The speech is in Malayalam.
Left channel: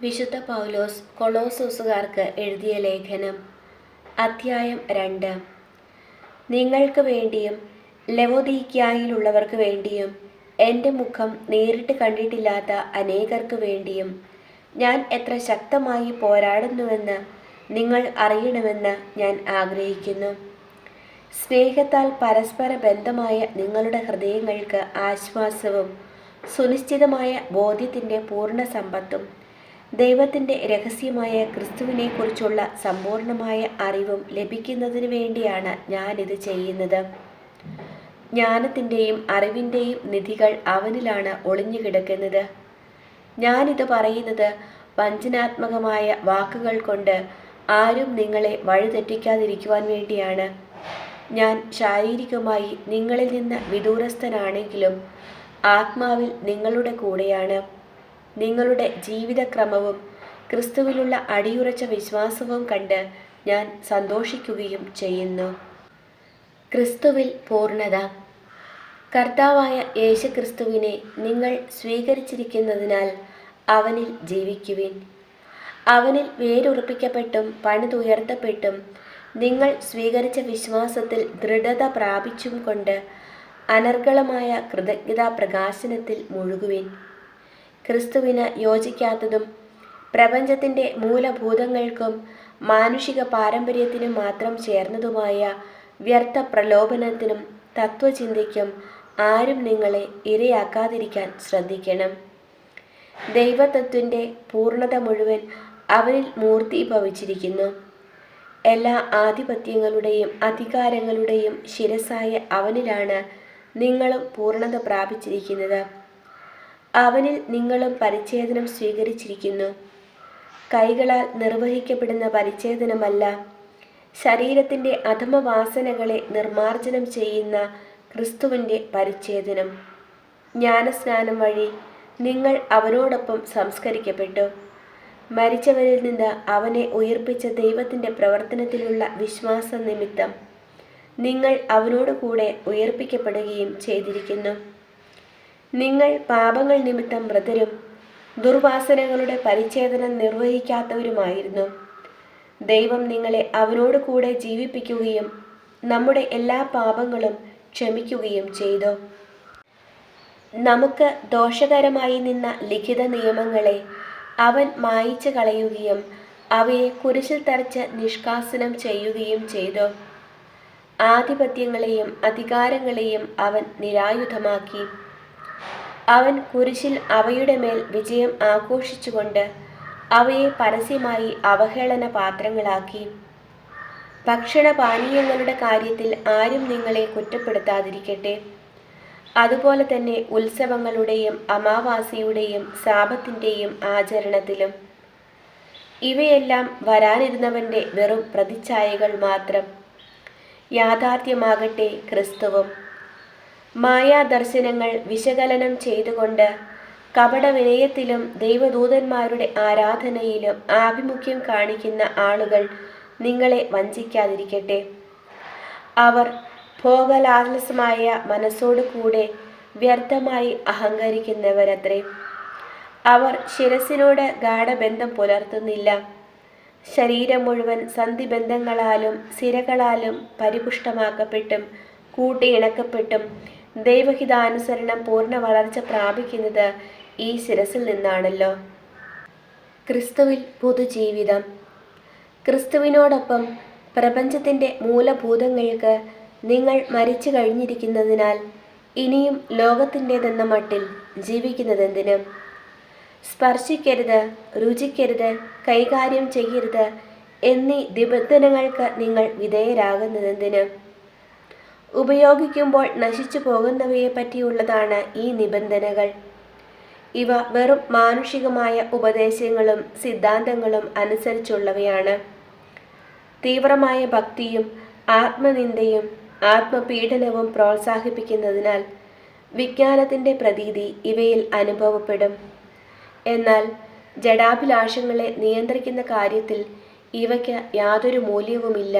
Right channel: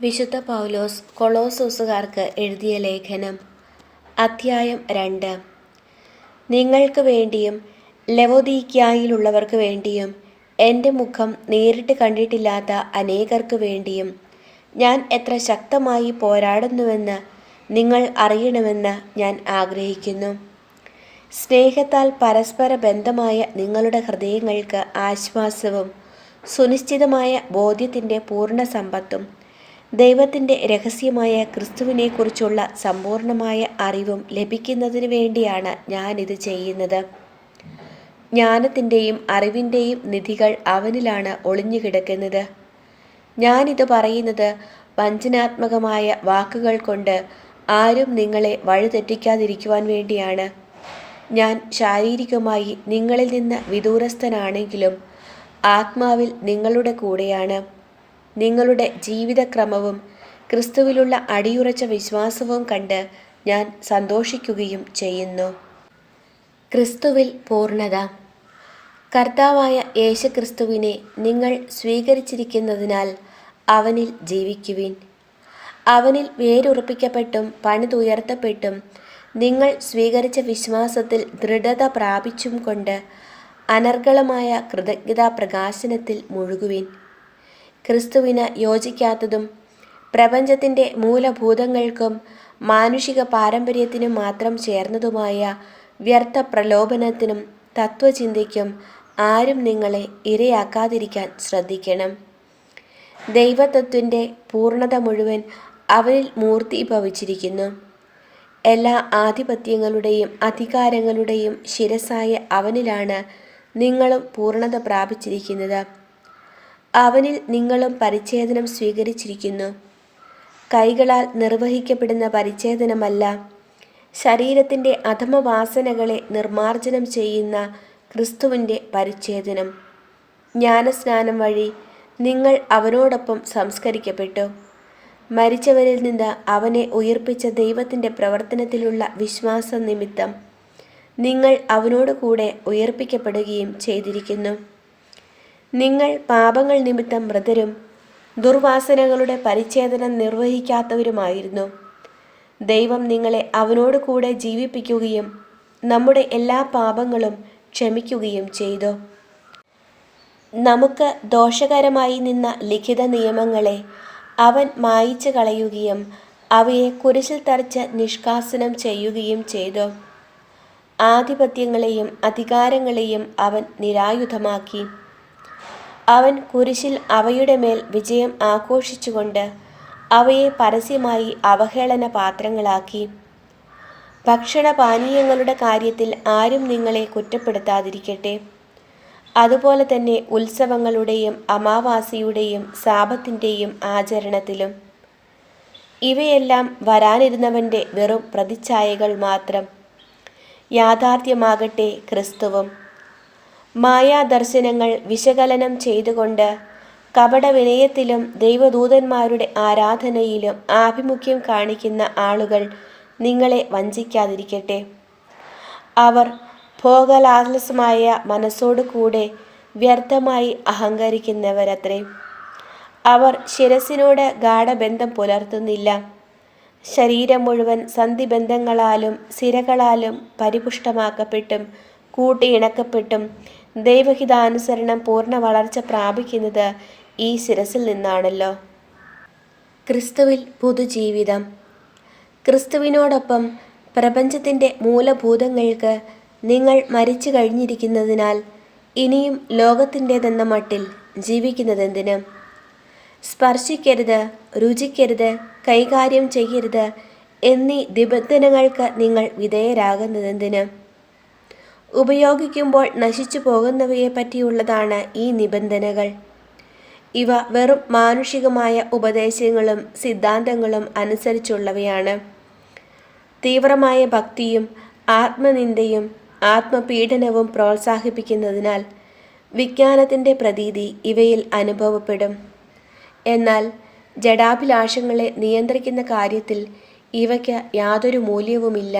വിശുദ്ധ പൗലോസ് കൊളോസ്സോസുകാർക്ക് എഴുതിയ ലേഖനം അധ്യായം 2. നിങ്ങൾക്ക് വേണ്ടിയും ലവൊദീക്യായിലുള്ളവർക്ക് വേണ്ടിയും എൻ്റെ മുഖം നേരിട്ട് കണ്ടിട്ടില്ലാത്ത അനേകർക്ക് വേണ്ടിയും ഞാൻ എത്ര ശക്തമായി പോരാടുന്നുവെന്ന് നിങ്ങൾ അറിയണമെന്ന് ഞാൻ ആഗ്രഹിക്കുന്നു. സ്നേഹത്താൽ പരസ്പര ബന്ധമായ നിങ്ങളുടെ ഹൃദയങ്ങൾക്ക് ആശ്വാസവും സുനിശ്ചിതമായ ബോധ്യത്തിൻ്റെ പൂർണ്ണ സമ്പത്തും ദൈവത്തിൻ്റെ രഹസ്യമായ ക്രിസ്തുവിനെക്കുറിച്ചുള്ള സമ്പൂർണമായ അറിവും ലഭിക്കുന്നതിന് വേണ്ടിയാണ് ഞാനിത് ചെയ്യുന്നത്. ജ്ഞാനത്തിൻ്റെയും അറിവിൻ്റെയും നിധികൾ അവനിലാണ് ഒളിഞ്ഞുകിടക്കുന്നത്. ഞാനിത് പറയുന്നത് വഞ്ചനാത്മകമായ വാക്കുകൾ കൊണ്ട് ആരും നിങ്ങളെ വഴിതെറ്റിക്കാതിരിക്കുവാൻ വേണ്ടിയാണ്. ഞാൻ ശാരീരികമായി നിങ്ങളിൽ നിന്ന് വിദൂരസ്ഥനാണെങ്കിലും ആത്മാവിൽ നിങ്ങളുടെ കൂടെയാണ്. നിങ്ങളുടെ ജീവിതക്രമവും ക്രിസ്തുവിലുള്ള അടിയുറച്ച വിശ്വാസവും കണ്ട് ഞാൻ സന്തോഷിക്കുകയും ചെയ്യുന്നു. ക്രിസ്തുവിൽ പൂർണ്ണത. കർത്താവായ യേശുക്രിസ്തുവിനെ നിങ്ങൾ സ്വീകരിച്ചിരിക്കുന്നതിനാൽ അവനിൽ ജീവിക്കുവിൻ. അവനിൽ വേരുറപ്പിക്കപ്പെട്ടും പണിതുയർത്തപ്പെട്ടും നിങ്ങൾ സ്വീകരിച്ച വിശ്വാസത്തിൽ ദൃഢത പ്രാപിച്ചും കൊണ്ട് അനർഗളമായ കൃതജ്ഞതാ പ്രകാശനത്തിൽ മുഴുകുവിൻ. ക്രിസ്തുവിന് യോജിക്കാത്തതും പ്രപഞ്ചത്തിൻ്റെ മൂലഭൂതങ്ങൾക്കും മാനുഷിക പാരമ്പര്യത്തിനും മാത്രം ചേർന്നതുമായ വ്യർത്ഥ പ്രലോഭനത്തിനും തത്വചിന്തയ്ക്കും ആരും നിങ്ങളെ ഇരയാക്കാതിരിക്കാൻ ശ്രദ്ധിക്കണം. ദൈവത്വത്തിൻ്റെ പൂർണ്ണത മുഴുവൻ അവനിൽ മൂർത്തീഭവിച്ചിരിക്കുന്നു. എല്ലാ ആധിപത്യങ്ങളുടെയും അധികാരങ്ങളുടെയും ശിരസായ അവനിലാണ് നിങ്ങളും പൂർണ്ണത പ്രാപിച്ചിരിക്കുന്നത്. അവനിൽ നിങ്ങളും പരിച്ഛേദനം സ്വീകരിച്ചിരിക്കുന്നു. കൈകളാൽ നിർവഹിക്കപ്പെടുന്ന പരിച്ഛേദനമല്ല, ശരീരത്തിൻ്റെ അധമവാസനകളെ നിർമ്മാർജ്ജനം ചെയ്യുന്ന ക്രിസ്തുവിൻ്റെ പരിച്ഛേദനം. ജ്ഞാനസ്നാനം വഴി നിങ്ങൾ അവനോടൊപ്പം സംസ്കരിക്കപ്പെട്ടു. മരിച്ചവരിൽ നിന്ന് അവനെ ഉയിർപ്പിച്ച ദൈവത്തിൻ്റെ പ്രവർത്തനത്തിലുള്ള വിശ്വാസം നിമിത്തം നിങ്ങൾ അവനോട് കൂടെ ഉയർപ്പിക്കപ്പെടുകയും ചെയ്തിരിക്കുന്നു. നിങ്ങൾ പാപങ്ങൾ നിമിത്തം മൃതരും ദുർവാസനകളുടെ പരിച്ഛേദനം നിർവഹിക്കാത്തവരുമായിരുന്നു. ദൈവം നിങ്ങളെ അവനോട് കൂടെ ജീവിപ്പിക്കുകയും നമ്മുടെ എല്ലാ പാപങ്ങളും ക്ഷമിക്കുകയും ചെയ്തു. നമുക്ക് ദോഷകരമായി നിന്ന ലിഖിത നിയമങ്ങളെ അവൻ മായിച്ചു കളയുകയും അവയെ കുരിശിൽ തറച്ച് നിഷ്കാസനം ചെയ്യുകയും ചെയ്തു. ആധിപത്യങ്ങളെയും അധികാരങ്ങളെയും അവൻ നിരായുധമാക്കി. അവൻ കുരിശിൽ അവയുടെ മേൽ വിജയം ആഘോഷിച്ചുകൊണ്ട് അവയെ പരസ്യമായി അവഹേളന പാത്രങ്ങളാക്കി. ഭക്ഷണപാനീയങ്ങളുടെ കാര്യത്തിൽ ആരും നിങ്ങളെ കുറ്റപ്പെടുത്താതിരിക്കട്ടെ. അതുപോലെ തന്നെ ഉത്സവങ്ങളുടെയും അമാവാസിയുടെയും സാബത്തിൻ്റെയും ആചരണത്തിലും. ഇവയെല്ലാം വരാനിരുന്നവൻ്റെ വെറും പ്രതിച്ഛായകൾ മാത്രം. യാഥാർത്ഥ്യമാകട്ടെ ക്രിസ്തുവും. മായാദർശനങ്ങൾ വിശകലനം ചെയ്തുകൊണ്ട് കപടവിനയത്തിലും ദൈവദൂതന്മാരുടെ ആരാധനയിലും ആഭിമുഖ്യം കാണിക്കുന്ന ആളുകൾ നിങ്ങളെ വഞ്ചിക്കാതിരിക്കട്ടെ. അവർ ഭോഗലാലസമായ മനസ്സോടു കൂടെ വ്യർത്ഥമായി അഹങ്കരിക്കുന്നവരത്രേ. അവർ ശിരസിനോട് ഗാഢബന്ധം പുലർത്തുന്നില്ല. ശരീരം മുഴുവൻ സന്ധിബന്ധങ്ങളാലും സിരകളാലും പരിപുഷ്ടമാക്കപ്പെട്ടും കൂട്ടിയിണക്കപ്പെട്ടും ദൈവഹിതാനുസരണം പൂർണ്ണ വളർച്ച പ്രാപിക്കുന്നത് ഈ ശിരസിൽ നിന്നാണല്ലോ. ക്രിസ്തുവിൽ പുതുജീവിതം. ക്രിസ്തുവിനോടൊപ്പം പ്രപഞ്ചത്തിൻ്റെ മൂലഭൂതങ്ങൾക്ക് നിങ്ങൾ മരിച്ചു കഴിഞ്ഞിരിക്കുന്നതിനാൽ ഇനിയും ലോകത്തിൻ്റെതെന്ന മട്ടിൽ ജീവിക്കുന്നതെന്തിന്? സ്പർശിക്കരുത്, രുചിക്കരുത്, കൈകാര്യം ചെയ്യരുത് എന്നീ നിബന്ധനകൾക്ക് നിങ്ങൾ വിധേയരാകുന്നതെന്തിന്? ഉപയോഗിക്കുമ്പോൾ നശിച്ചു പോകുന്നവയെ പറ്റിയുള്ളതാണ് ഈ നിബന്ധനകൾ. ഇവ വെറും മാനുഷികമായ ഉപദേശങ്ങളും സിദ്ധാന്തങ്ങളും അനുസരിച്ചുള്ളവയാണ്. തീവ്രമായ ഭക്തിയും ആത്മനിന്ദയും ആത്മപീഡനവും പ്രോത്സാഹിപ്പിക്കുന്നതിനാൽ വിജ്ഞാനത്തിൻ്റെ പ്രതീതി ഇവയിൽ അനുഭവപ്പെടും. എന്നാൽ ജഡാഭിലാഷങ്ങളെ നിയന്ത്രിക്കുന്ന കാര്യത്തിൽ ഇവയ്ക്ക് യാതൊരു മൂല്യവുമില്ല.